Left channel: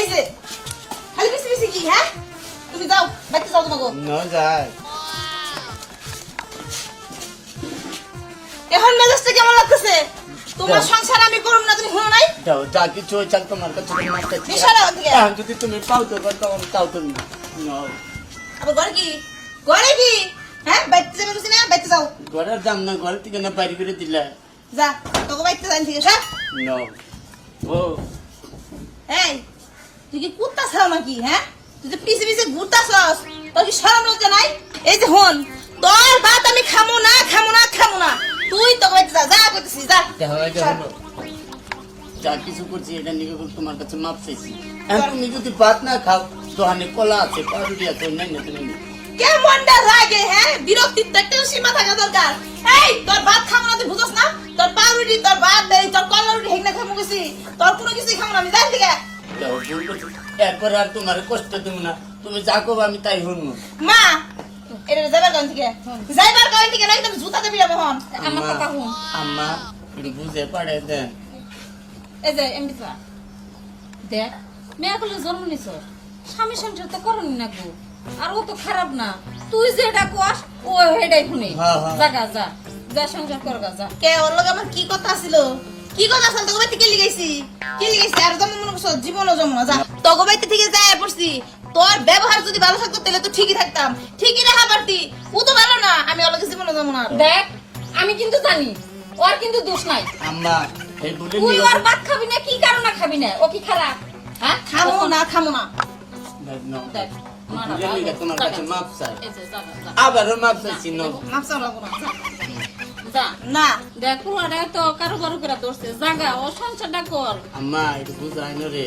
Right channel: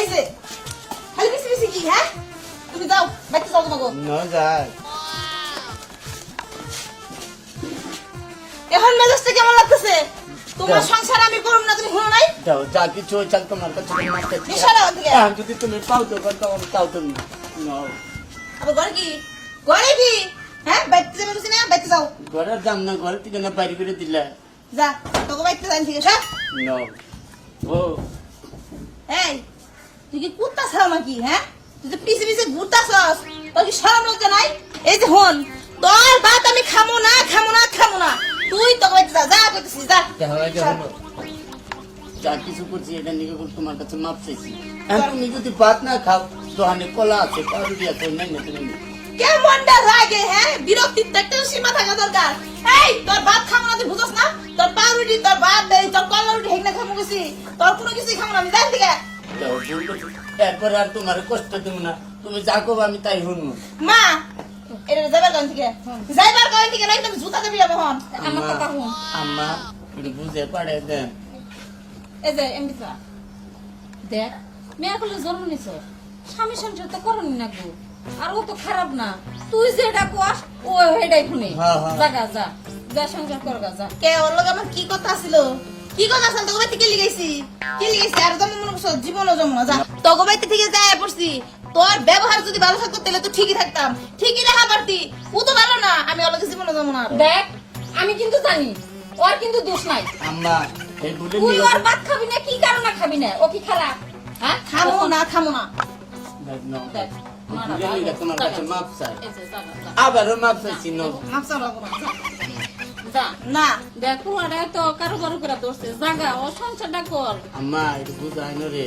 এই যে খালি বেশি বেশি কি হ্যাঁ তুমি যাও বাইতে যাও তোমাকে। না যায় এখন মেজাজটা কেমন লাগতেছে? তোমার। সংসার আমি করব না তুমি শুনো নাই? যাও যা কিছু হয়েছে আমি তোমার কাছে কোনো মাপ চাইছি না। বিশাল আওয়াজ দিয়ে। এখন যদি তুমি পাও তো তখন তাও তুমি নাও। আবার ঘরে কি? ঘরে কি? হ্যাঁ বাইতে যাবে বুঝি না বাইতে যাও। ঘরের দাম না ঘর থেকে না বাইরে করে দিলে। যা তোকে বাইতে যাই ঠিক আছে নাও। ও। ছাও নাকি হ্যাঁ? তুই যে পিছে পিছে ঘুরতাছস তোর কি শরম লজ্জা নাই? এই যে হন তোর ভাত আমি খামো না খামো না খামো না। তুই তো যা যা কইতেছিস যা। হয় যে কিছু করছি এটা নিয়ে তোমার কাছে মাপ চাইছি। তুমি যদি ভাত না খাও দোকানে কলা আছে পাউরুটি আছে নাই না তুমি। কেমনটা লাগে হ্যাঁ? বিরক্তির তো একটা সীমা থাকা দরকার। এই তোর ভাত খামো না তুই বুঝছ না? তোর পাউরুটি তোর ভাত তোর কল্লা রুটি হেগনা খামো গেছি। তোর কোনো কিছুই খামো না আমি জানি এরপরে আর তোমার কষ্ট দেব না। তুমি যা করব আমি তাই শুনব। মা এটা যাবার কারণ থেকে? যাইবার কারণ থেকে নাই তুমি জুতা দেবি মোহন আমার কথা শুন। আম্মা বুঝে পারে দেন। এই যে এমডি দেখ মেয়ে জন্ম নিছ। স্বামী সংসার তো করনি না গো। আর ও তো খারাপ না। তুই যেটা কস ও হেডাই শুনি। হ্যাঁ, হ্যাঁ। যা। যা সংসার কর গা যা। কে ওর লগে আমার কি কথা ছিল? কি কথা ছিল তোকে বাইতে কে লিগাইছি কি লিগাইছি আর জন্ম মনে করছ জীবনও জন্ম না যা। তোকে বাইতে থেকে যায় পড়ছি। তোর ব্যবহার যদি ভালো থাকতো তাহলে তো ঠিকই থাকতাম। ঠিকই রাখা পারতি। ও তো ভালো না আমি ওর জীবনও জন্ম না দেখ আমি কিন্তু জানি ওর কিন্তু দোষ নাই। আম্মা এই বলে তুই ওর ভাত খাবি না কি কারণে খাবি না? ও কি খারাপ হ্যাঁ? খামো না খামো না। দেখ। দেখ তোমার কাছে মাপ চাই। আবারও মাপ চাইছি না দেখ পুরাটা তো কারও কারও করে ধরছে। জাগা ও সংসারটা কর। আম্মা একটু বুঝাই না রে।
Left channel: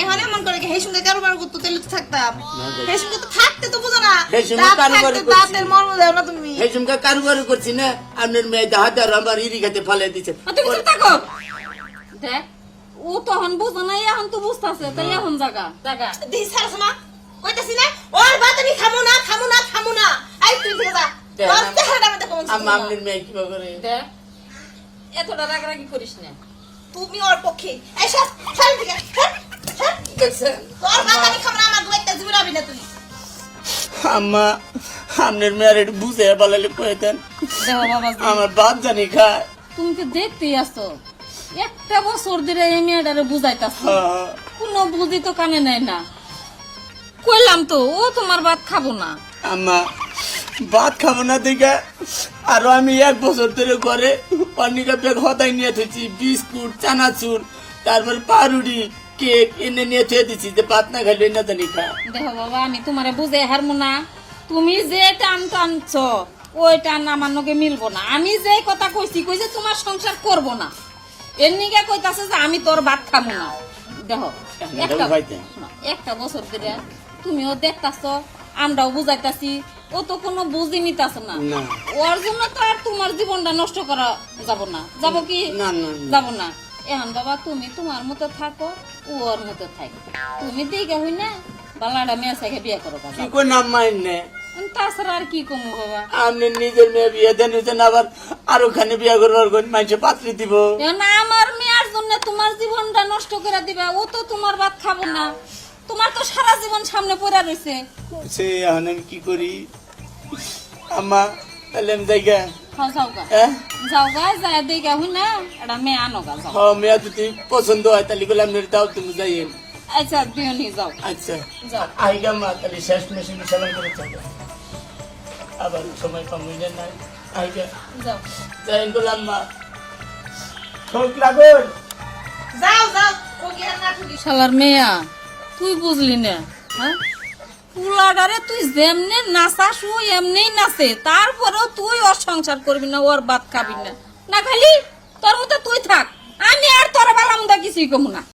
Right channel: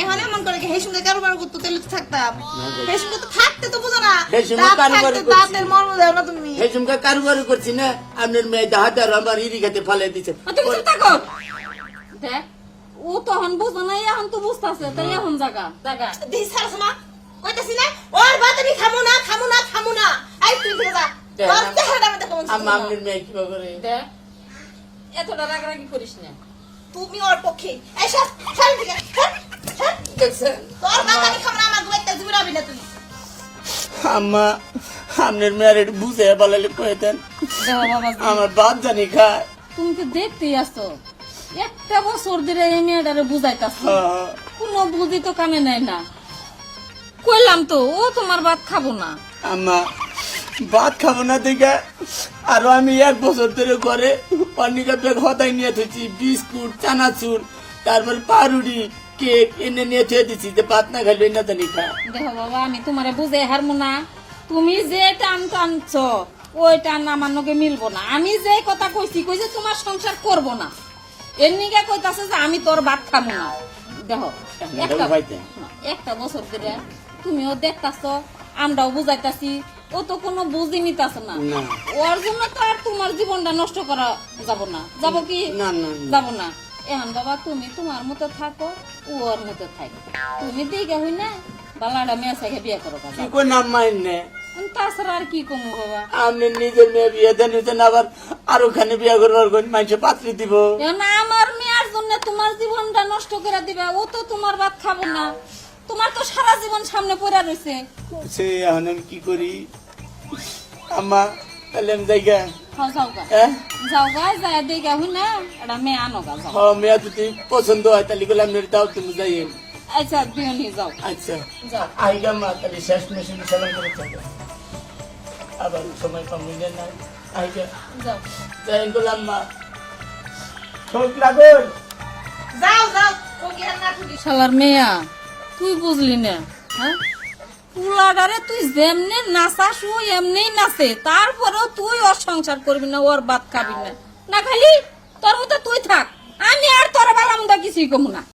এখন এমন করে কি, সেই সঙ্গে কারোবার করতো তাহলে তো থাকতাম? থাকতে বুঝো না। করছি। দাঁতের মর্ম দেও না তুমি। করছি আপনার মেয়ে হাতে আর আমার ইরি খাতে ফালাই দিচ্ছে তুমি থাকো। দেখ ও তখন বুঝো না এখন তো বুঝতেছে। তাই এখন জাগা জাগা। দিস কইতাছি না ওর ভাত আমি খামো না খামো না খামো না। এই তুই যা দেখ, তোর আম- চেহারাটা আমি দেখো আম্মা আপনার মেয়ে কি করে। দেখ এতটা রাগারাগি করিস না। তুমি ওর পক্ষে। এই সব ছাড় দিকে দেখছেন তোর ভাত আমি আমার দুইটা জীবন না তুমি আম্মা আপনার মেয়ের একটু বুঝে বলালে কয়ে দেন। দেখো বাবা আমার বাপ জানি খায়। তুমি তো দেখতেই আসছো একটা বছর ধরে এই মেয়েটারে বুঝাইতাছ। হ্যাঁ। কোনো বুঝি তো কানে নেয় না। কইলাম তো ও তোমার ভাত খাব না। আম্মা ভাত খাব না দেখে। আরও আমি এক বছর ধরে ঘরে অনেকা ব্যাগ হতাই নিয়ে থেছি বিস্কুট চানাচুর তারপর পাউরুটি কেক এনে নিয়ে থুয়ে দিছি যে ভাত না খাইলে না জানি খা। দেখো বাবা আমি তোমারে বুঝে হারমো না। তুমি যে টান টানছ ওই টান আমার নগে মিলবো না। আমি যে কথা কইছি কইছে তোমার সংসার করব না। এর নিগে কইতাছে যে আমি তোর ভাত খাব না। দেখো একটা বছর ধরে তুমিও দেখতাছ আমরাও বুঝাইতাছি ও তো কোনো বুঝি নিতাছ না। না। ওর জন্য তো আর তোমার জীবনটা নষ্ট করা যাব না। যাব কি? না না না। যাব না। এখন বাবা তুমি তোমার মতো থাকো ও ওর মতো থাকো তুমি দিকে হই না বালাটা মেয়ে সাইকে বিয়ে করো কি করে নাম মাইনে তাছাড়া আর কি কমু বাবা? আপনি নিজের মেয়ে বিয়ে দেন হইতেন আবার আরও খানে বিয়ে করবার কোন মানুষে পাত্রী দিব? এখন আমার মেয়ের জন্য তোমার জীবনটা নষ্ট করে দিবে। ও তো তোমার ভাত খাব না। তোমার তো সারা জীবন সামনে পড়ে রয়েছে সে এখন আমি কি করি? আম্মা তাহলে আমি গা পছন্দ হয় তাহলে গেলে আমি দাও তুমি যাই আচ্ছা দিও নি যাও আচ্ছা আইগা মা তাহলে শেষ মেশিন সালাম করে থাকো আবার সময় কম হয়ে যায় না আইগা যাও যাই গেলাম মা লাগুন যাও যাও ঠুকি শালার মেয়া তুই বুঝলি না হ্যাঁ পুলাডারে তুই যেমনে নাচাস ও এমনি নাচে। তারপরেও তুই ওর সংসার করবি না, ওর বাদ খাবি না। না খালি, তোর মতো তুই থাক। আমি আর তোর বালামদা কিছুই কমু না।